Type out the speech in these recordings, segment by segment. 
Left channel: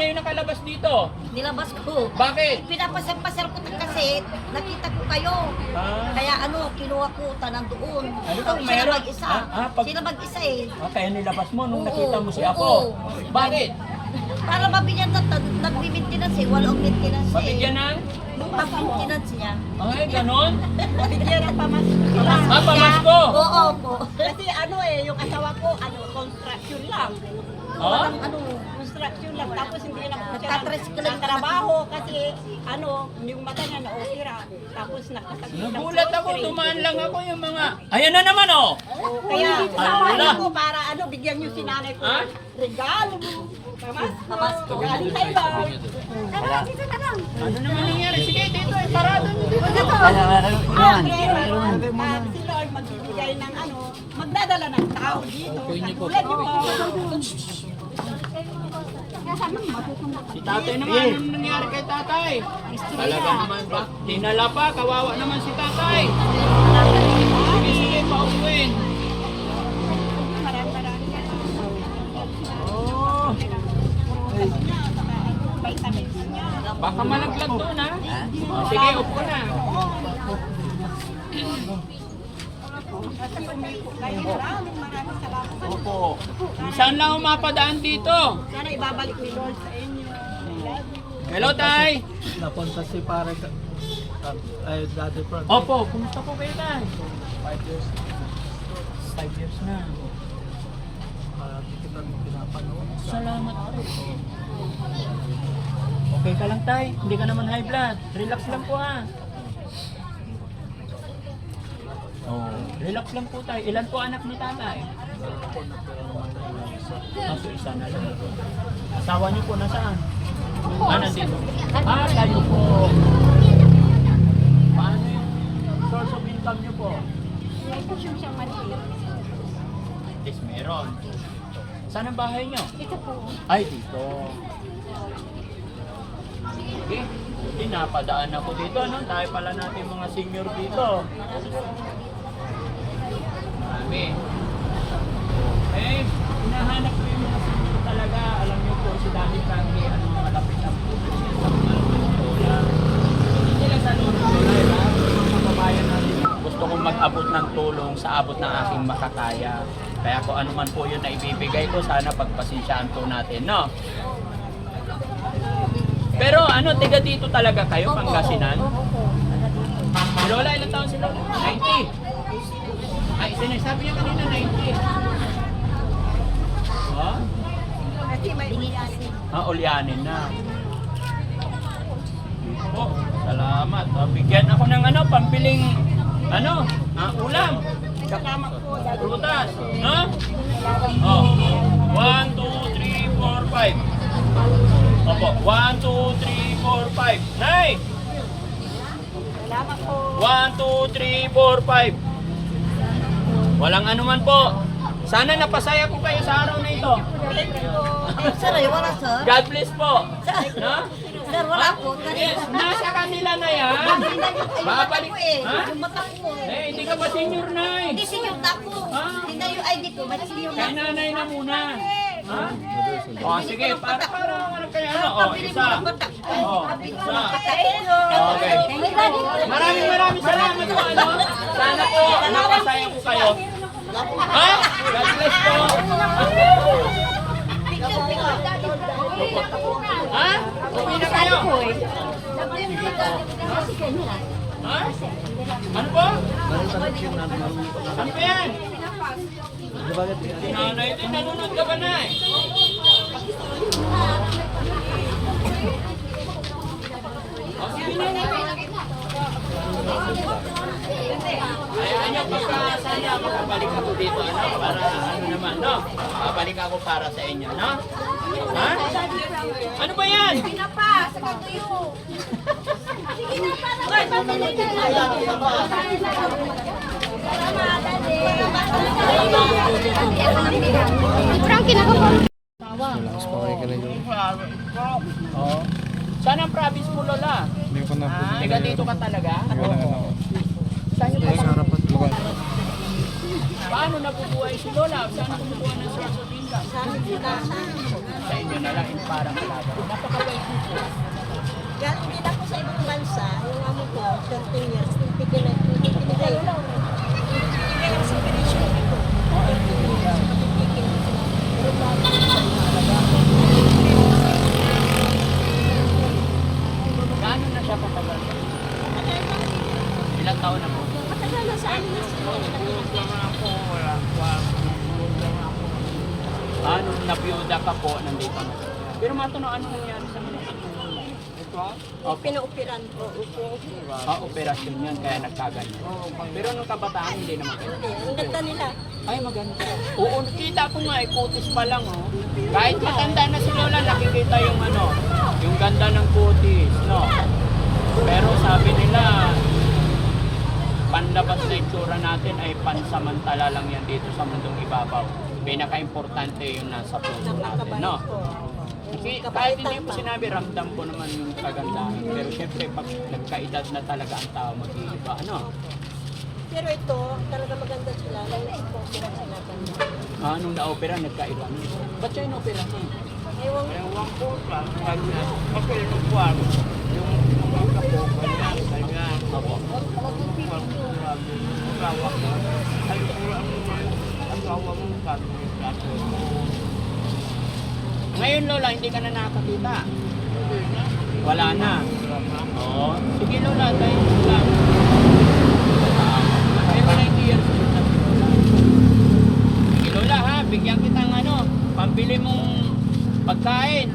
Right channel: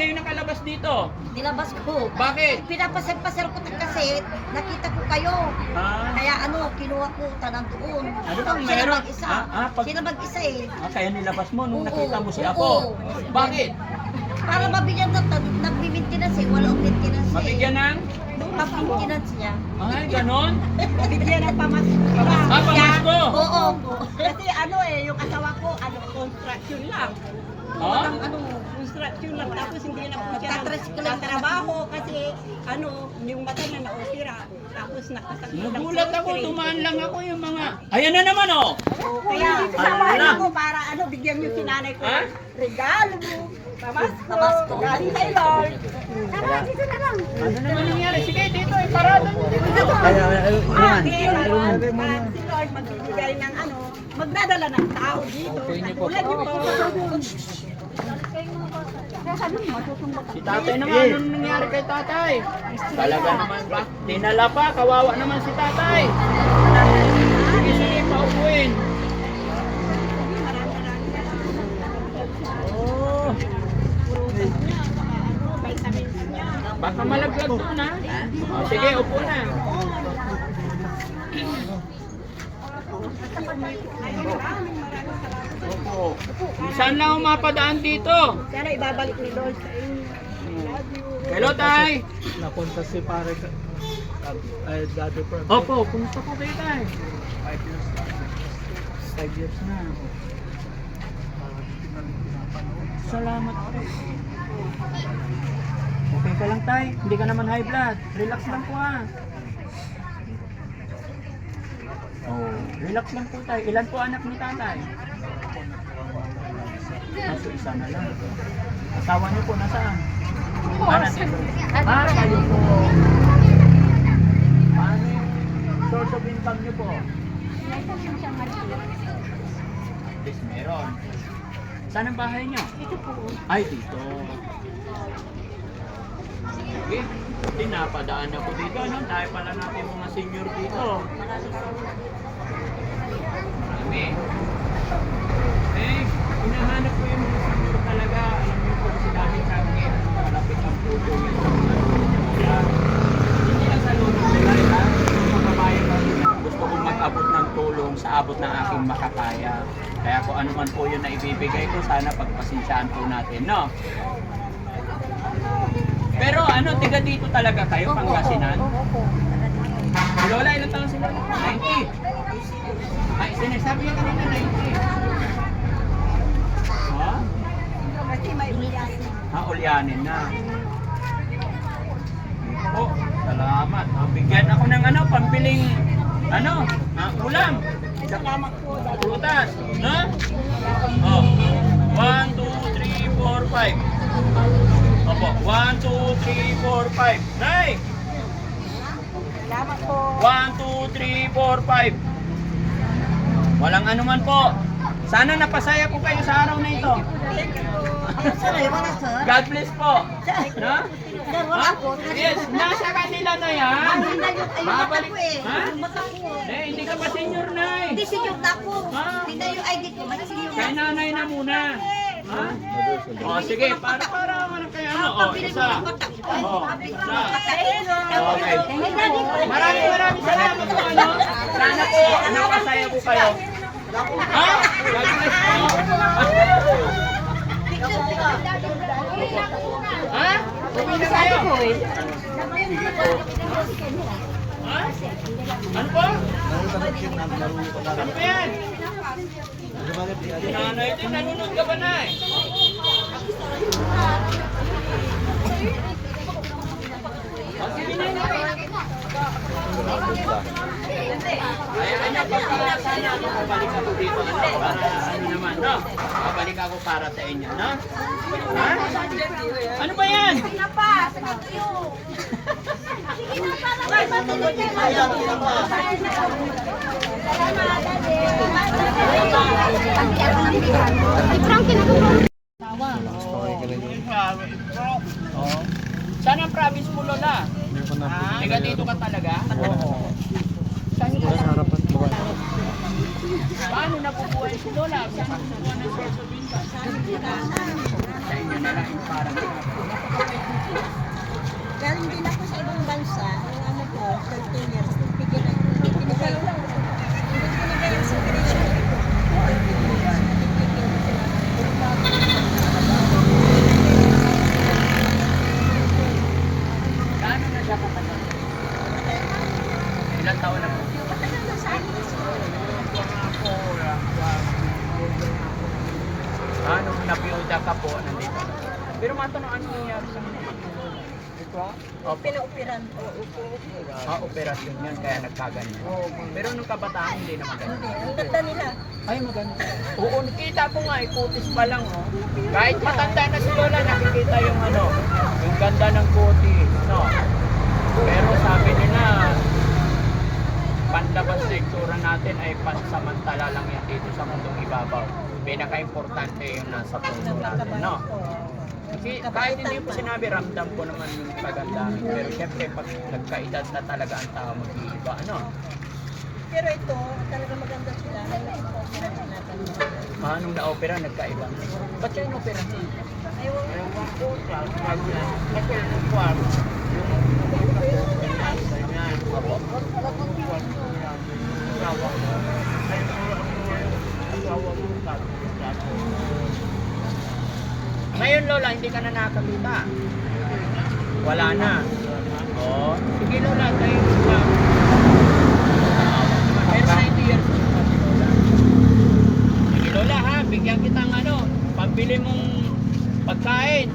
kayo nakalabas dito? Nilabas ko. Bakit? Pinapasar-pasar ko kasi nakita ko kayo. Ah, Kaya kinuha ko tanan doon. Ano ba, Sila meron? mag-isa. Pag- Sila mag-isa eh. kaya nilabas mo nung Oo, nakita mo si oo. Apo. Bakit? Para mabigyan na nagbi-maintenance eh. Walang maintenance eh. Mabigyan ng? Maintenance niya. Ay, ganon? Bigyan ng pamasko. Pamasko? Oo po. Kasi yung asawa ko, construction lang. Oh? Walang Construction lang. Tapos hindi na Nagtatricycle lang. trabaho kasi yung mata niya na-opera. Tapos Nagulat ako, dumaan lang ako yung mga... Ayan na naman oh! Kaya samahan Wala. ako para bigyan niyo si nanay ko. Ha? Regalo. Pamasko. Pamasko. Galing kay Lord. Ano naman nangyari? Sige, dito, iparado nyo dito. Pag si Lord magbibigay ng magdadala ng tao dito. Katulad niyo po. Si tatay naman, ano nangyari kay tatay? Talaga naman ba? Dinala pa, kawawa naman si tatay. Sige, sige, paupuin. Oh, Vitamins niya. baka malaglag doon ha? Oh, sige, upo na. Maraming salamat. Opo. Saan lang ako mapadaan dito? Sana ibabalik ni Lord sa inyo. Love you. Hello, tay. Napunta si pare ay Daddy Frank. Opo, kumusta po kayo, tay? 5 years. 5 years na. Kita rin pinapanood. Salamat po. Okay ka lang, tay. Hindi ka naman high blood. Relax lang po ha. Oh, relax lang po tayo. Ilan po anak ni tatay? Kaso isa na lang. Asawa niyo po nasaan? Nandito. Kali po. Paano yung source of income niyo po? Yes, meron. Saan ang bahay niyo? Ito po. Ay, dito. Okay. Napadaan ako dito. Nang tayo pala natin mga senior dito. Marami. Hinahanap ko yung mga senior talaga. Alam niyo po si Daddy Frankie, malapit ang puso niya sa mga lola. Hindi lang sa loob ng nila. Kabayan ko gusto kong mag-abot ng tulong sa abot ng aking makakaya. Kaya kung ano man po yun na ibibigay ko, sana pagpasensyaan po natin, no? Pero tiga dito talaga kayo, Pangasinan? Si Lola, ilang taon si Lola? 90. Ay, sinasabi niya kanina 90. Ha? Kasi may uliasin. Ulyanin na. Oh, salamat. Bigyan ako ng pambiling, ulam. Salamat po. Prutas, no? Oh, 1, 2, 3, 4, 5. Opo, 1, 2, 3, 4, 5. Nay! Salamat po. 1, 2, 3, 4, 5. Walang anuman po. Sana napasaya po kayo sa araw na ito. Sir, wala sir. God bless po. No? Sir, wala po. Yes, nasa kanila na yan. Babalik. Babalik. Ha? Yung mata ko. Hindi ka pa senior na eh. Hindi senior na ako. Tingnan yung ID ko. Ba't senior na Kay ako? nanay na muna. Ha? O sige, para ano kayo Pabili mo isa. ng mata. O, Pabili mo isa. ng mata. Okay. Maraming salamat po. Sana po, napasaya po kayo. Ha? God bless po. Ha? Uwi na kayo. Ha? Ano po? Ano po yan? Nanay din, nanonood ka ba na eh? Hayaan niyo, pagka sana babalik ako dito, para naman, no? Babalik ako para sa inyo, no? Ha? Ano ba yan? Pinapa, sa katuyo. Sige na, para may matulog ka lang. Salamat, Daddy. Frankie na Oh. Saan ang province mo, Lola? Hindi ko na po. Tiga dito ka talaga? Oo. Saan yung Sa harap at lugar. Paano nabubuhay si Lola? Saan nabubuhay ng source of income? Sa inyo na lang yung parang natatanong ano nangyari sa mga ito? Opo. Pinaupiran ko. Operasyon yan, kaya nagkaganyan. Pero nung kabataan, hindi naman. Hindi, ang ganda nila. Ay, maganda. Oo, nakita ko nga, kutis pa lang. Oh. Kahit matanda na si Lola, nakikita yung ano, yung ganda ng kutis. No? Pero sabi nila, panlabas na itsura natin ay pansamantala lang yan dito sa mundong ibabaw. Pinaka-importante yung nasa puso natin, no? Kasi kahit hindi ko sinabi, ramdam ko naman yung kagandahan. Pero syempre, pag nagkaedad na talaga ang tao mag-iiba, ano? Pero ito, talaga maganda sila. Opera natin. Nung na-opera, nagkaiba. Ba't siya in-opera niya? Ewan ko. Ngayon, Lola, hindi ka na nakakita. Wala na. Oh, sige Lola, tayo lang. Pero 90 years. Sige Lola ha, bigyan kitang ano, pambili mong pagkain.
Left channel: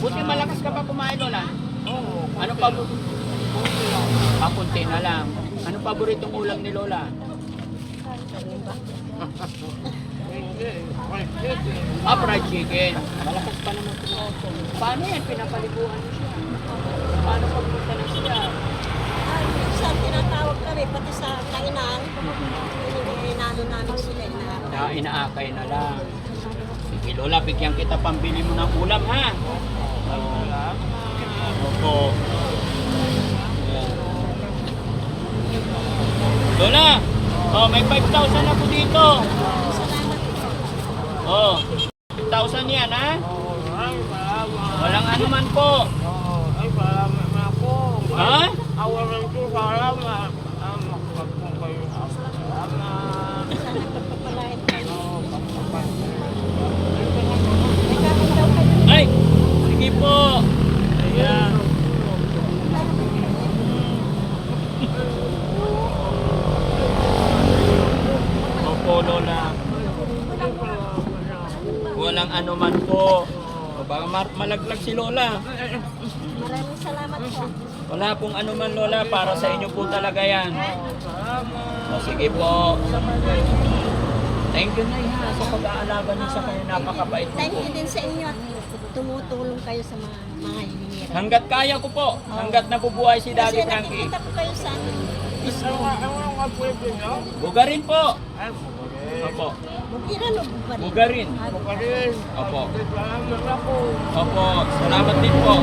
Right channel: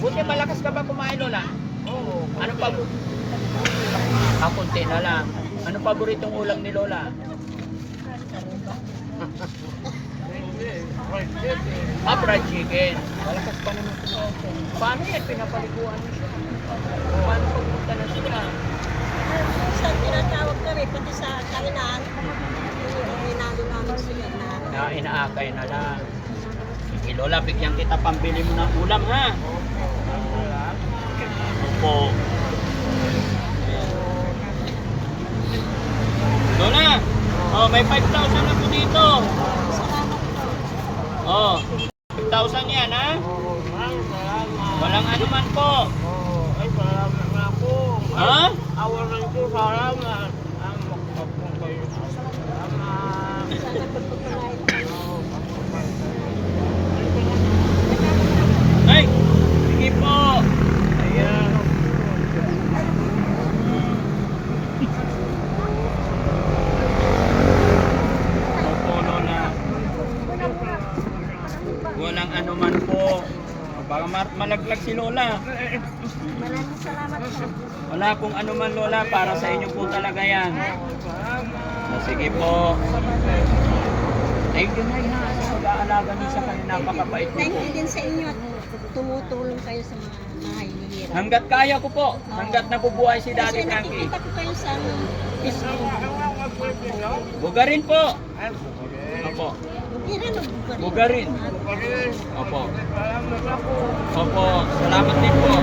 Buti malakas ka ba kumain Lola? Ano pa? Kunti na lang. Ano paboritong ulam ni Lola? Fried chicken. Malakas pa naman ito. Paano yan? Pinapaliguan mo siya. Paano pagpunta na siya? Minsan tinatawag kami, pati sa kanginaan. Minalo namin sila. Na inaakay na lang. Sige Lola, bigyan kita pambili mo ng ulam ha. Opo. Lola, oh, may 5,000 na po dito. Oh, 5,000 yan ha? Walang anuman po. Ha? Ay, sige po. Ayan. Opo, Lola. Walang anuman po. O, baka malaglag si Lola. Maraming salamat po. Wala pong anuman Lola, para sa inyo po talaga yan. O, sige po. Thank you na ha, sa pag-aalaga niyo sa kayo, napakabait niyo Thank po. you din sa inyo. Tumutulong kayo sa mga hihirap. Hanggat kaya ko po, hanggat nabubuhay si Daddy Kasi Frankie. nakikita ko kayo sa Facebook. Bugarin po. Opo. Bukiran o bukiran? Bugarin. Opo. Opo. Salamat din po.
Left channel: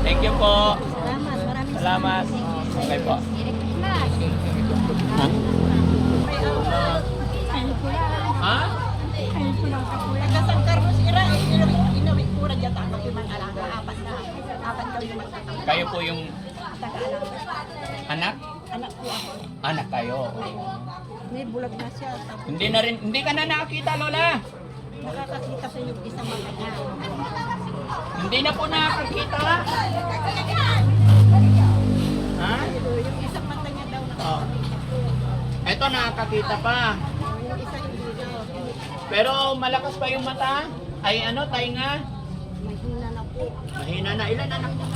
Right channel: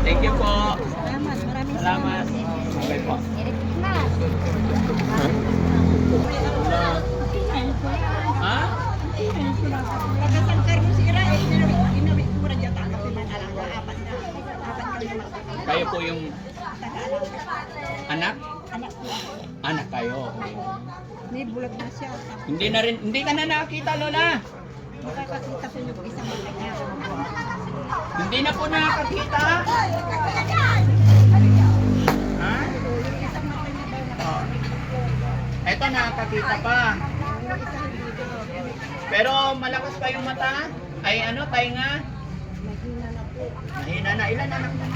Thank you po. Salamat. Maraming Salamat. Okay po. Ha? Kasang Carlos Ira, inawit ko rin yata. Kasi man alam ko, apat na. Apat kami. Kayo po yung anak? Anak ko ako. Anak kayo. May bulag na siya. Tapos Hindi ka na nakakita Lola. nakakakita ko yung isang bulag niya. Hindi na po nakakita. Ha? Yung isang mata niya daw na. Oh. Eto nakakakita pa. Yung isa yung video. Pero malakas pa yung mata. Ay ano, tainga. Mahina na po. Mahina na. Ilan anak niya?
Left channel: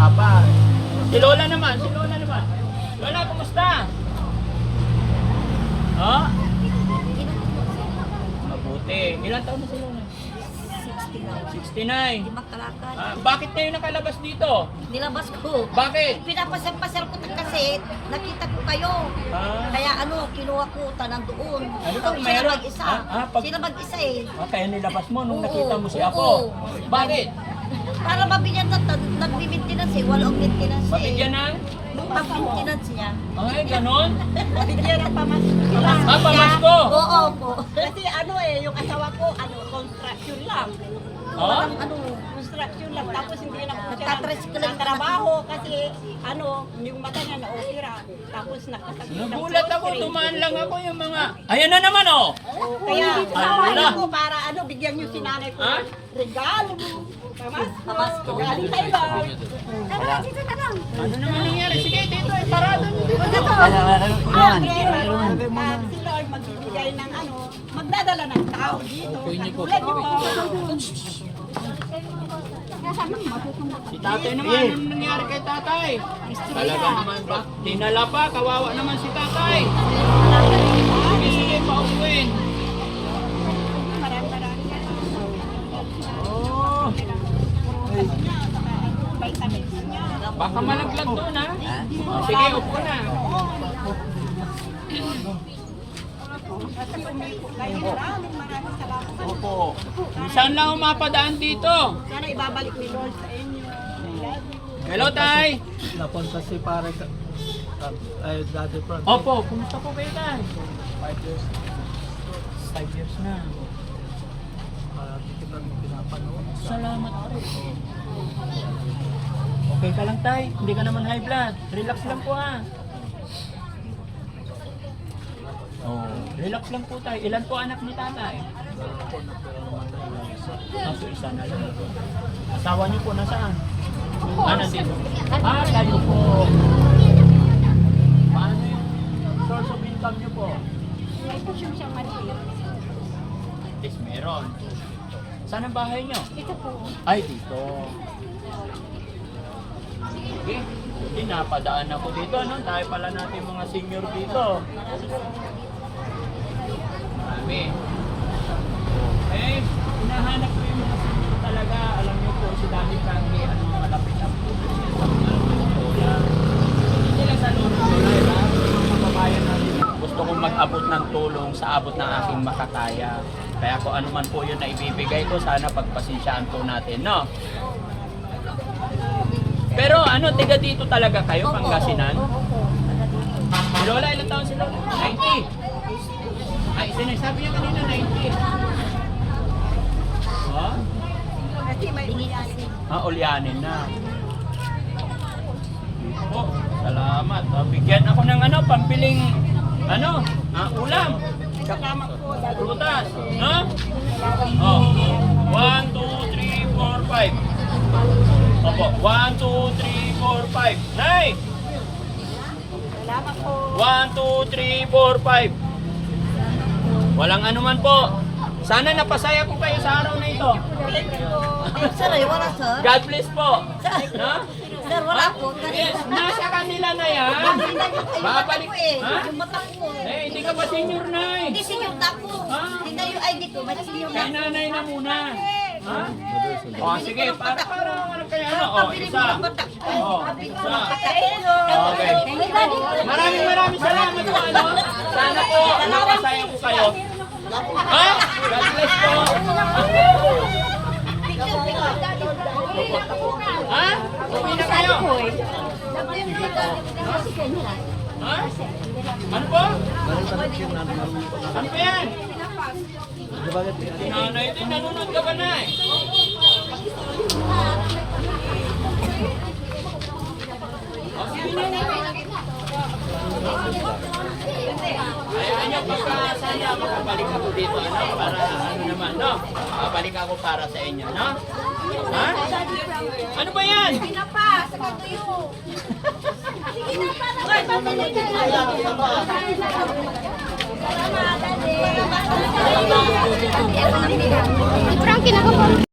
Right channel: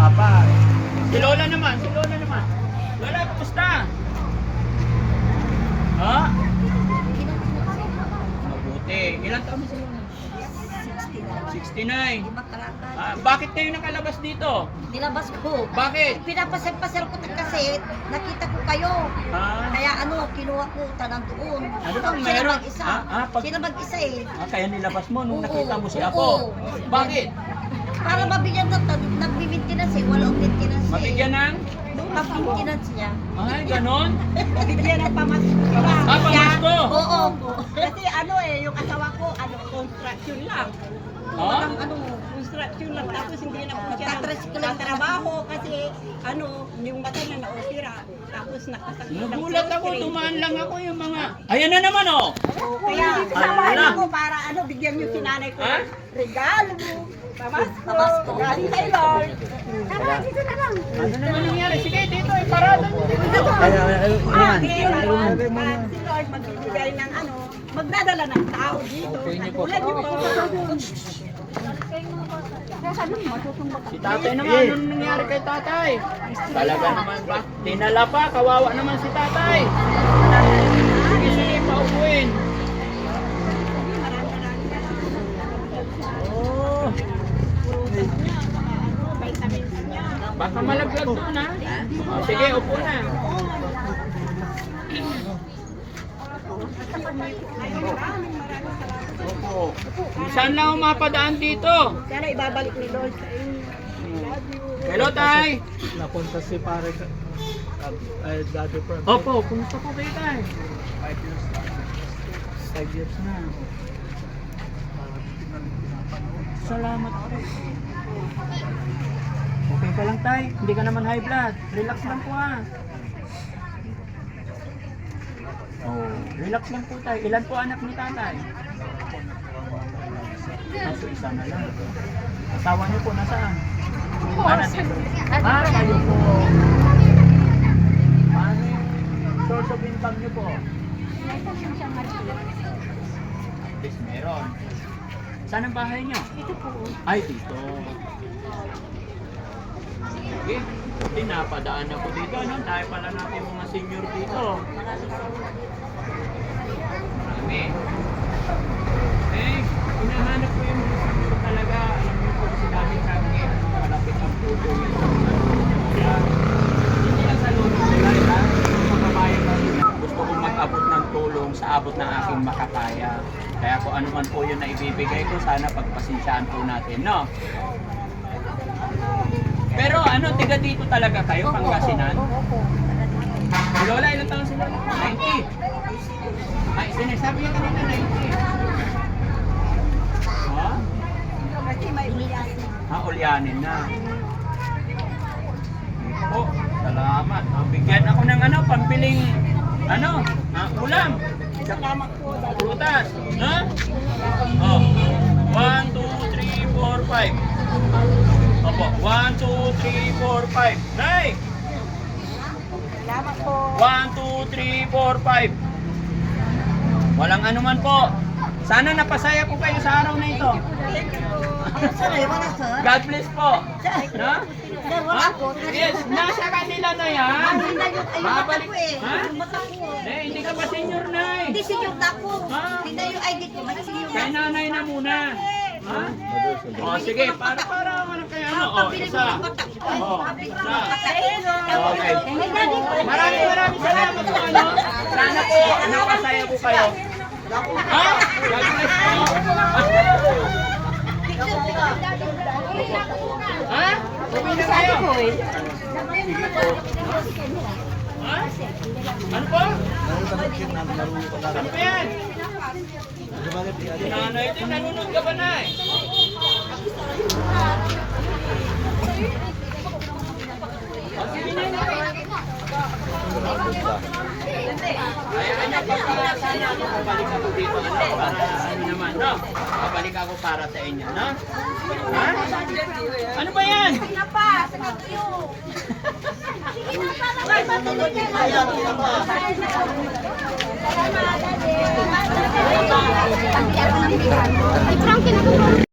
Apa. Si Lola naman. Lola, kumusta? Ha? Mabuti. Ilan taon na si Lola? 69. Bakit kayo nakalabas dito? Nilabas ko. Bakit? Pinapasar-pasar ko kasi nakita ko kayo. Ah, Kaya kinuha ko tanang doon. Ano bang Sila meron? mag-isa. Pag- Sila mag-isa eh. kaya nilabas mo nung Oo, nakita mo si oo. Apo. Bakit? Para mabigyan na nagbi-maintenance eh. Walang maintenance eh. Mabigyan ng? Pag-maintenance niya. Ay, ganon? Bigyan ng pamasko. Pamasko? Oo po. Kasi yung asawa ko, construction lang. Oh? Walang Construction lang. Tapos hindi na ako Nagtatricycle lang. trabaho kasi yung mata niya na-opera. Tapos nakasagod ng Nagulat ako, surgery. dumaan lang ako yung mga... Ayan na naman oh! Kaya samahan Wala. ako para bigyan niyo si nanay ko Ha? regalo. Pamasko. Pamasko. Galing kay Lord. Tama, dito na lang. Ano naman nangyari? Sige, dito, iparado nyo dito. Si Lord magbibigay ng magdadala ng tao dito. Okay niyo po. Tulad niyo po. Si tatay naman, anong nangyari kay tatay? Talaga naman ba? Dinala pa, kawawa naman si tatay. Sige, sige, paupuin. Oh, Vitamins niya. baka malaglag doon ha. Oh, sige, upo na. Maraming salamat. Opo. Saan lang ang mapadaan dito? Sana ibabalik ni Lord sa inyo. Love you. Hello, tay. Napunta si pare sa Daddy Frank. Opo, kumusta po kayo, tay? 5 years. 5 years na. Kita pinapanood. Salamat po. Okay ka lang, tay. Hindi ka naman high blood. Relax lang po ha. Oh, relax lang po tayo. Ilan po anak ni tatay? Kaso isa na lang. Asawa niyo po nasaan? Nandito. Kayo po. Paano yung source of income niyo po? Yes, meron. Saan ang bahay niyo? Dito po. Ay, dito. Sige. Hindi, napadaan ako dito. Ano? Tayo pala natin mga senior dito. Marami. Eh, hinahanap ko yung mga senior talaga. Alam niyo po si Daddy Changi, ano, malapit ang puso niya sa mga lola. Hindi lang sa loob ko nila. Makakaya pa rin. Gusto kong mag-abot ng tulong sa abot ng aking makakaya. Kaya kung ano man po yun na ibibigay ko, sana pagpasensyaan po natin, no? Pero ano, tiga dito talaga kayo, Pangasinan? Si Lola, ilang taon sila? 90. Ay, sinasabi niya kanina 90. Ha? Kasi may uliasin. Ulyanin na. Po, salamat. Bigyan ako ng ano, pambiling, ulam. Salamat po. Prutas. No? Oh. 1, 2, 3, 4, 5. Opo. 1, 2, 3, 4, 5. Nay! Salamat po. 1, 2, 3, 4, 5. Walang anuman po. Sana napasaya ko kayo sa araw na ito. Sir, wala sir. God bless po. No? Sir, wala po. Yes, nasa kanila na yan. Babalik. Ha? Yung mata ko. Hindi ka pa senior na eh. Hindi senior na ako. Hindi na yung ID ko. Ba't senior na Kay ako? nanay na muna. Ha? O sige, para ano kaya ano? O, isa. O, isa. Okay. Maraming salamat po ano. Sana po nakasaya ko kayo. Ha? God bless po. Ha? Uwi na kayo. Ha? Ano po? Ano po yan? Nanay din, nanonood ka ba na eh? Hayaan niyo, sana ako babalik ako dito, ano, para ano naman, no? Babalik ako para sa inyo, no? Ha? Ano ba yan? Pinapa, sa tuyo. Sige na, para may patuloy na lang. Salamat, Daddy. Frankie, nagkapag.